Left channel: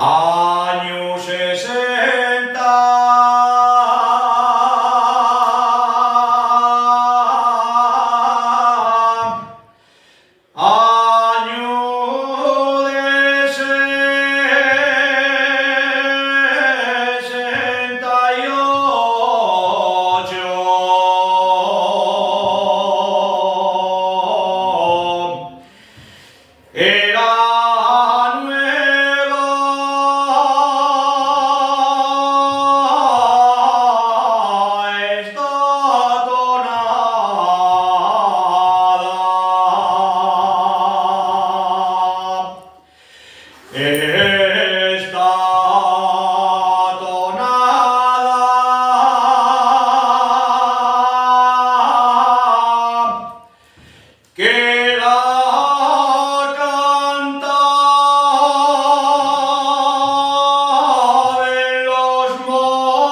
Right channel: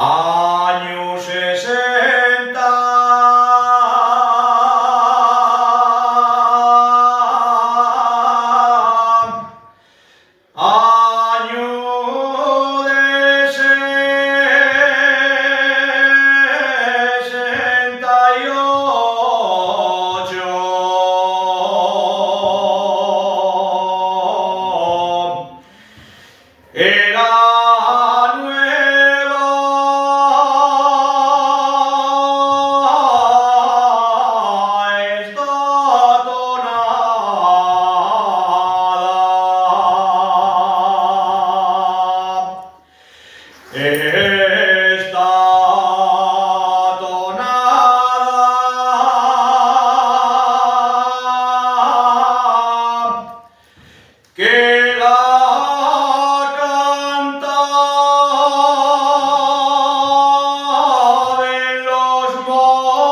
Año 60, año de 68. Era esta tonada que la cantaban los mozos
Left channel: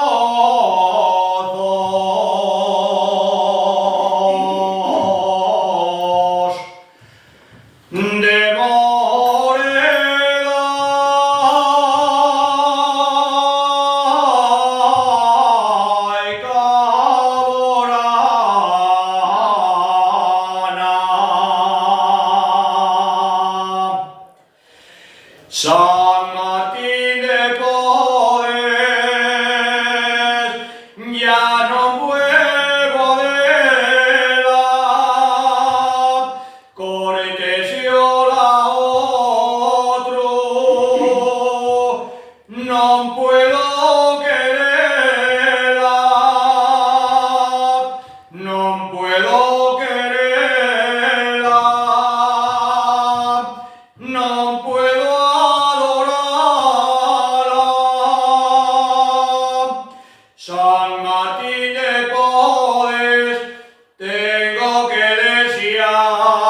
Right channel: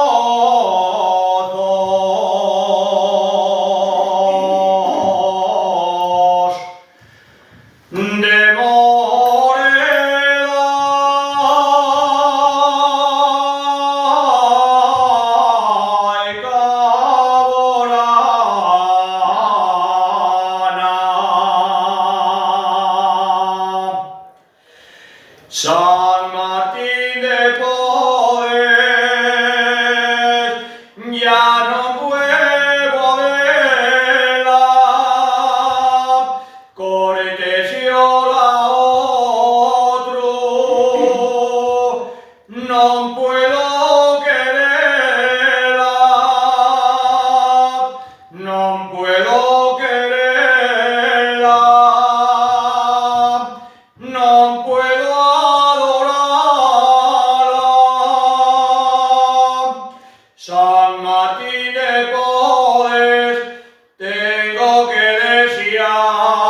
de San Martín de Porres ya no puedo verla, cortesio la otro, no puedo quererla, no puedo quererla, no puedo San Martín de Porres, tengo que desear.